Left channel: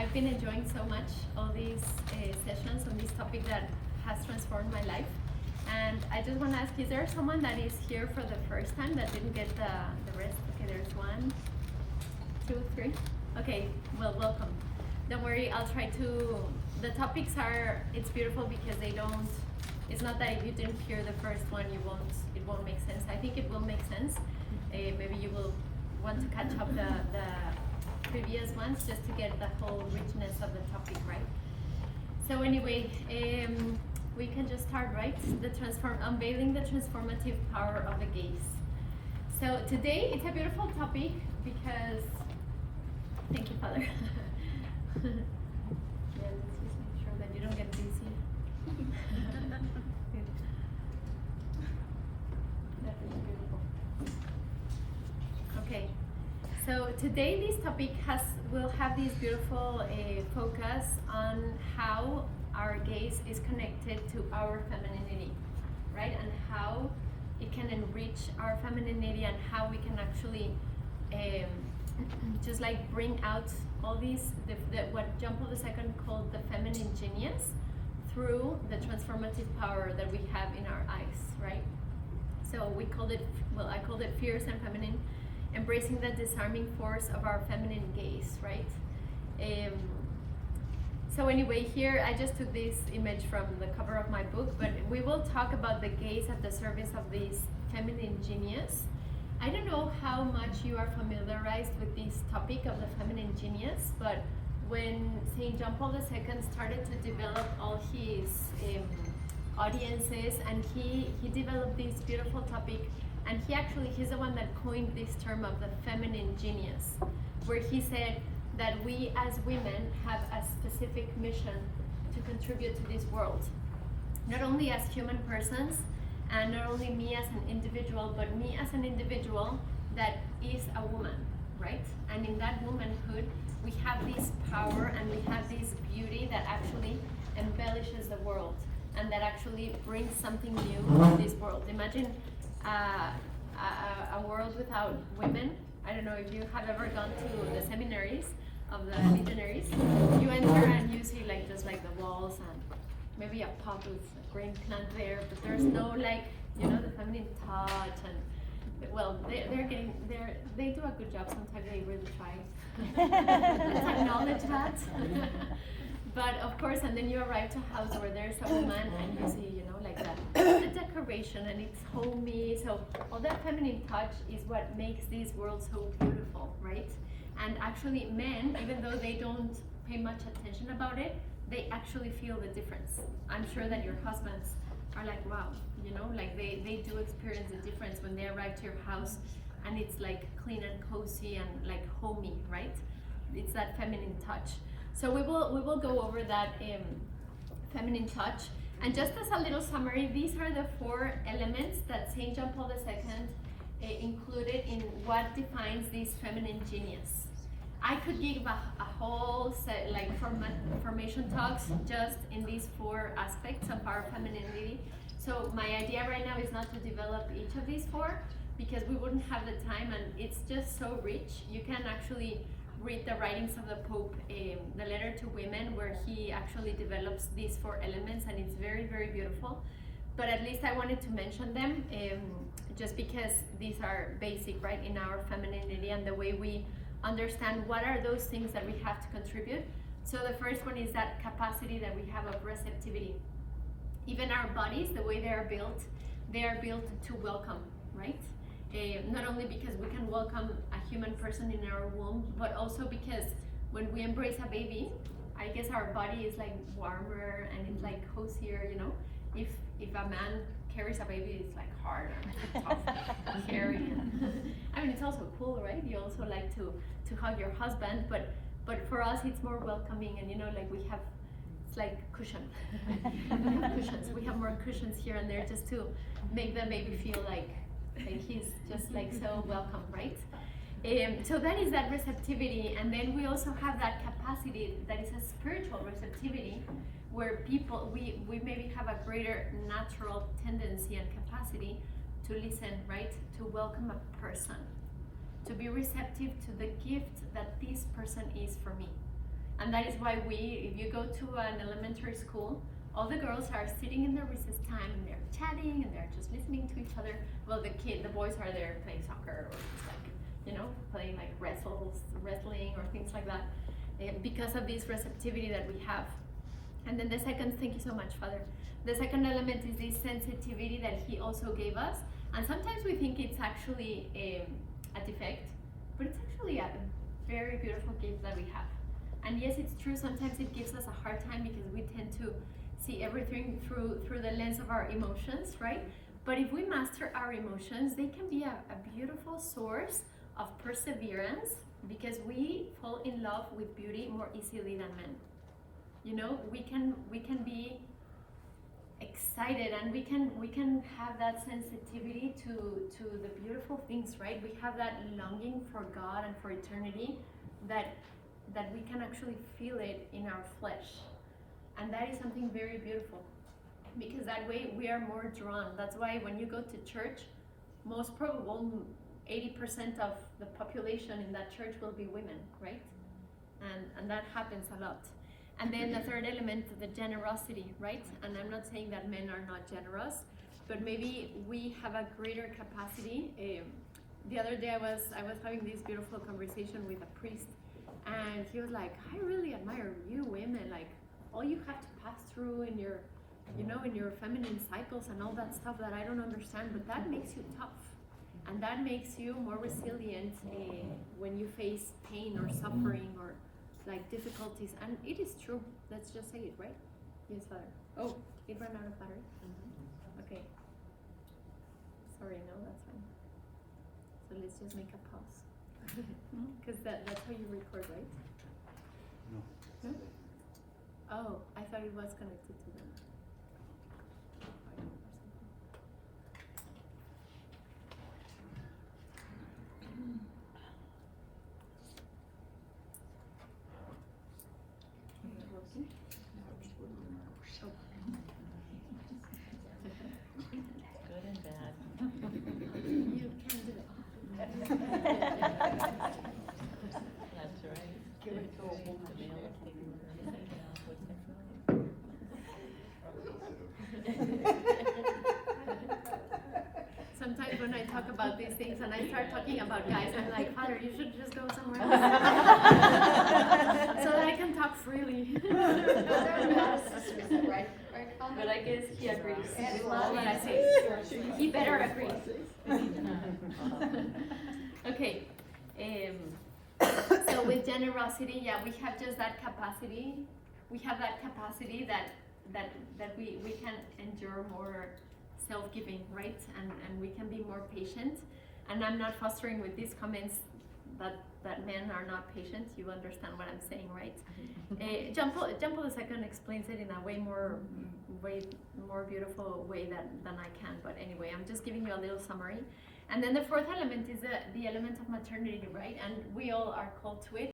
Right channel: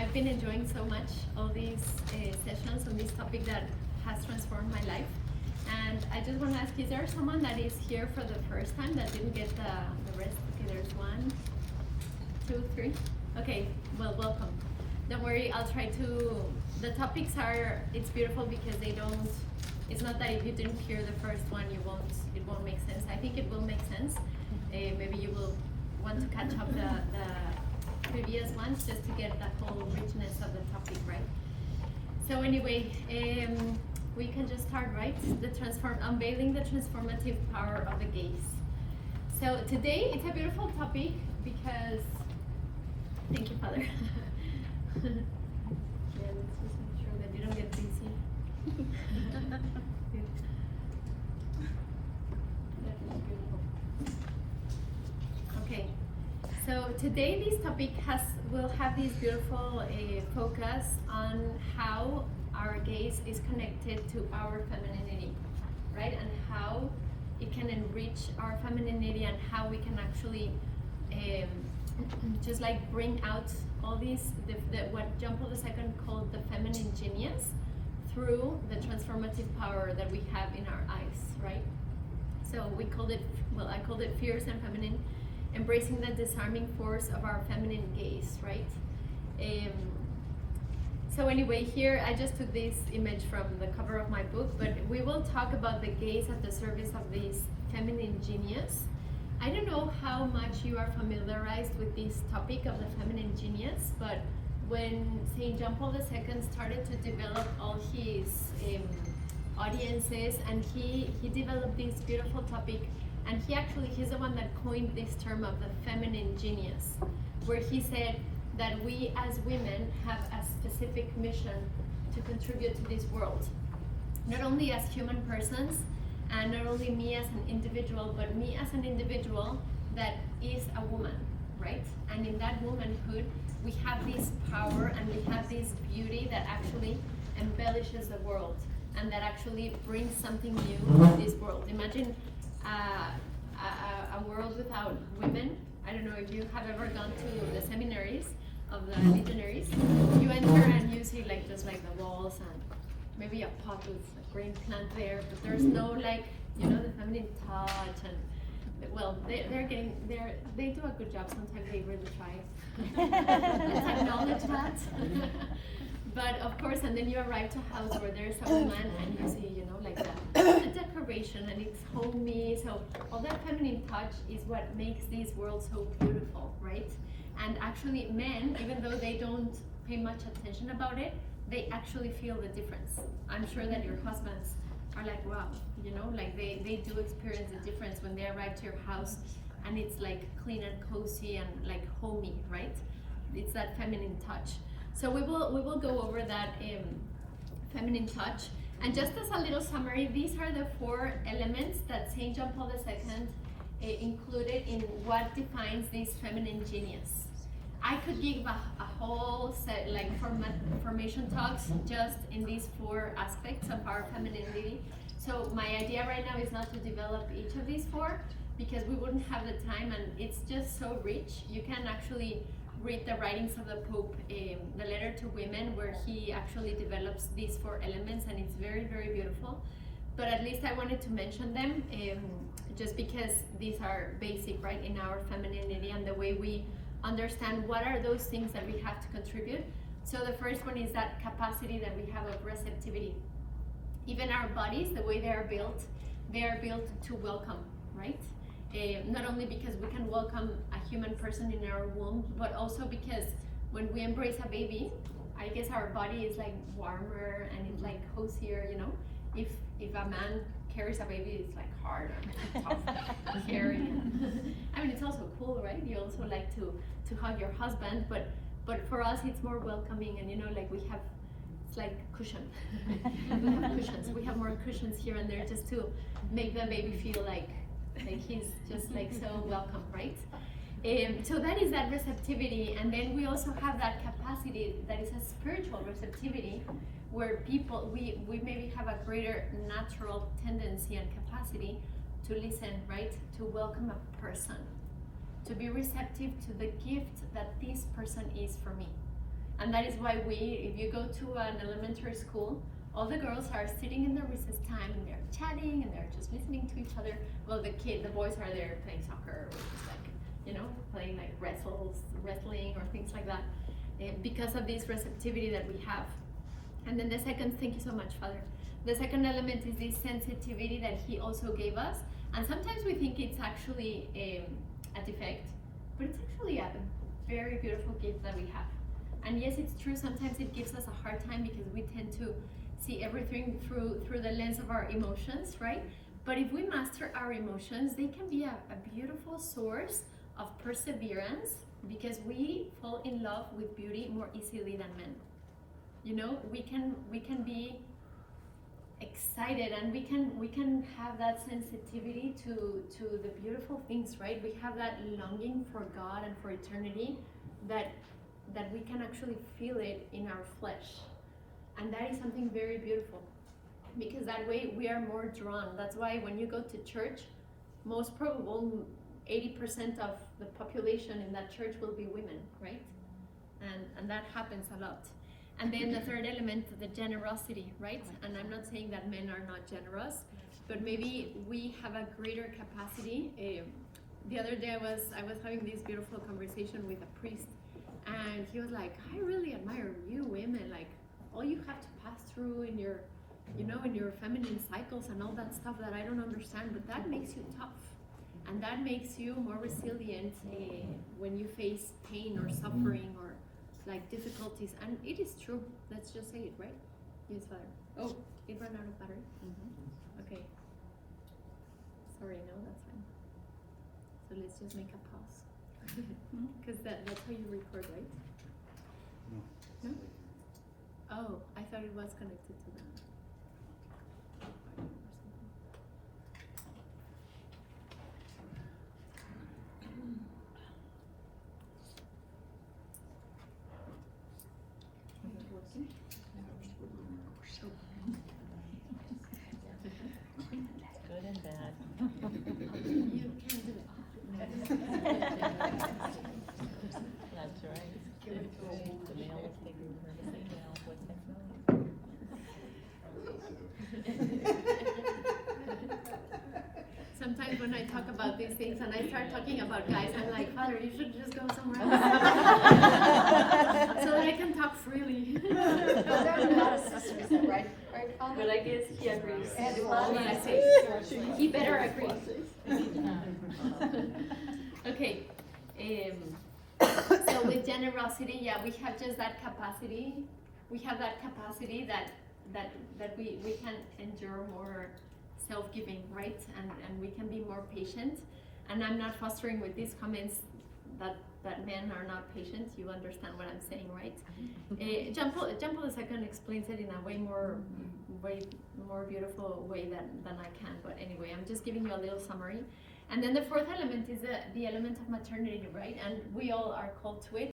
I've been enjoying so much all these sessions on this topic that has transformed my life. And I just want to ask, is there someone that is here for the first time that didn't get the rest? Okay, there's 1, 2, 3. Okay, well, welcome. Don't worry, I'll try to, the topics are, it's beautiful because they don't, it's not that if you didn't hear the first one, it won't make sense. I think it will make sense. Maybe you will want to catch up the previous ones just to get the whole richness of the topic, right? So anyway, we can just start, right? Unveiling the transformative power of the gaze. So today it's a beautiful topic because, thank you, Father. Yeah, let's just make sure that you don't get dizzy. That's beautiful. Okay, so today this topic will have this beautiful focus on how our gaze is connected to our femininity, right? And how it can enrich our femininity and how we can actually just like bring out all these, what John Paul II called the feminine genius through the transformative power that we have in our eyes, right? So we called it, well, I called it fierce and feminine, embracing the disarming force of our feminine gaze, right? So anyway, here I just took this image from the cover of my book, but we will talk about the gaze at the service of this feminine genius. I don't know how much you are familiarized with this topic of the feminine genius, but when St. John Paul II started to develop all his audiences, and he developed this beautiful topic, and he's the one that coined this term of the feminine genius, where he said that we as women have a specific mission to contribute to this world, not only as human persons, and not only me as an individual, but me as an individual that is a woman, right? And in that womanhood, we have this power and we have this beauty that actually embellishes the world and that actually brings something new to this world. Imagine a world without women. I don't know if you have ever gone to the seminaries of the legionaries. You enter and you see like just like the walls and maybe a pot with a green plant there, but there's no like, you know, the feminine touch, and well, they do a good job. Sometimes they really try. Let's acknowledge that. But of course, and then you arrive to a house where there's a woman and you see, you know, like the decoration and it's homey. So all that feminine touch is what makes this world so beautiful, right? And actually men, even though they don't pay much attention about it, they actually feel the difference. I'm sure that your husbands are like, wow, you know, like they do experience the difference when they arrive to your house and it's like clean and cozy and like homey, right? It's that feminine touch. So we will go over that feminine touch. And just as a little summary, these are the 4 elements that St. John Paul II included in what defines this feminine genius. I could give a whole set, like formation talks just in these 4 aspects of our femininity. So my idea right now is not to develop each of these 4 because we wouldn't have the time, and it's just so rich. You can actually read the writings of the Pope, the letter to women, where he actually develops these 4 elements, and it's very, very beautiful. But at least I wanted to mention them just because these are basic, right, in our femininity and the way we understand what are those things that we have to contribute. So the first one is that capacity that we have of receptivity. Even our bodies, the way they are built to welcome, right? Not only because we can welcome a human person in our womb, but also because when we embrace a baby, I guess our body is like warmer and it's like cozier, you know? If a man carries a baby, it's like hard and tough and caring. I mean, it's also cool, right? You also like to hug your husband, but for us it's more welcoming, and you know, like we have, it's like cushion. We have cushions. We have more cushions here and there just to make the baby feel like he's just like so welcome, right? So that is that receptivity, and then we also have that capacity that is a spiritual receptivity, where we maybe have a greater natural tendency and capacity to listen, right? To welcome a person, to be receptive to the gift that this person is for me. And that is why if you go to an elementary school, all the girls are sitting in the recess time and they're chatting and they're just listening to each other. Well, the boys are there playing soccer or just like, playing like wrestling or things like that, because of this receptivity that we have. And then the second, thank you so much, Father. The second element is this sensitivity that he also gave us. And sometimes we think it's actually a defect, but it's actually a very beautiful gift that we have. And yes, it's true, sometimes it gives us a hard time because we tend to see everything through the lens of our emotions, right? But if we master our emotions, they can be a beautiful source of perseverance, because we fall in love with beauty more easily than men. We can be excited, and we can have that sensitivity to the beautiful things, right? We have that longing for God and for eternity that we can actually feel it in our flesh. And that is something very beautiful, because that way we are more drawn. That's why when you go to church, most probable 80% of the population in that church will be women, right? And that happens a lot. And then the third element, the generosity, right? And I'm not saying that men are not generous, but maybe we have a greater capacity. The other day I was having this beautiful conversation with a priest, and he was like, I really admire you women, like all you have to pass through in your, in your feminine cycles and all that stuff that I don't understand, but that makes you tough. And that makes you more resilient when you face pain or suffering or like difficulties. And it is true. Let's just say it, right? Yes, Father. Oh, it ran out of battery? Okay. Sorry, no, that's fine. So let's just make a pause. Because that's how you record, right? No? Oh, I thought it was connected to them. Sometimes when I talk about these things and I start talking about guys, I'm like, Father, you should just go somewhere else so that I can talk freely. But I guess he agrees with all that I say. He better agree. Okay. So with generosity, yeah, we have just that capacity. We have that capacity that we can endure more self-giving, right? And we can be more patient. And I'm not fostering with these comments that men are not patient. You understand what I'm saying, right? John Paul II explains it in a way more beautiful way than I can. But anyway, I'm just giving you a little summary. And then the fourth element is the element of maternity, right? And we all are called to it.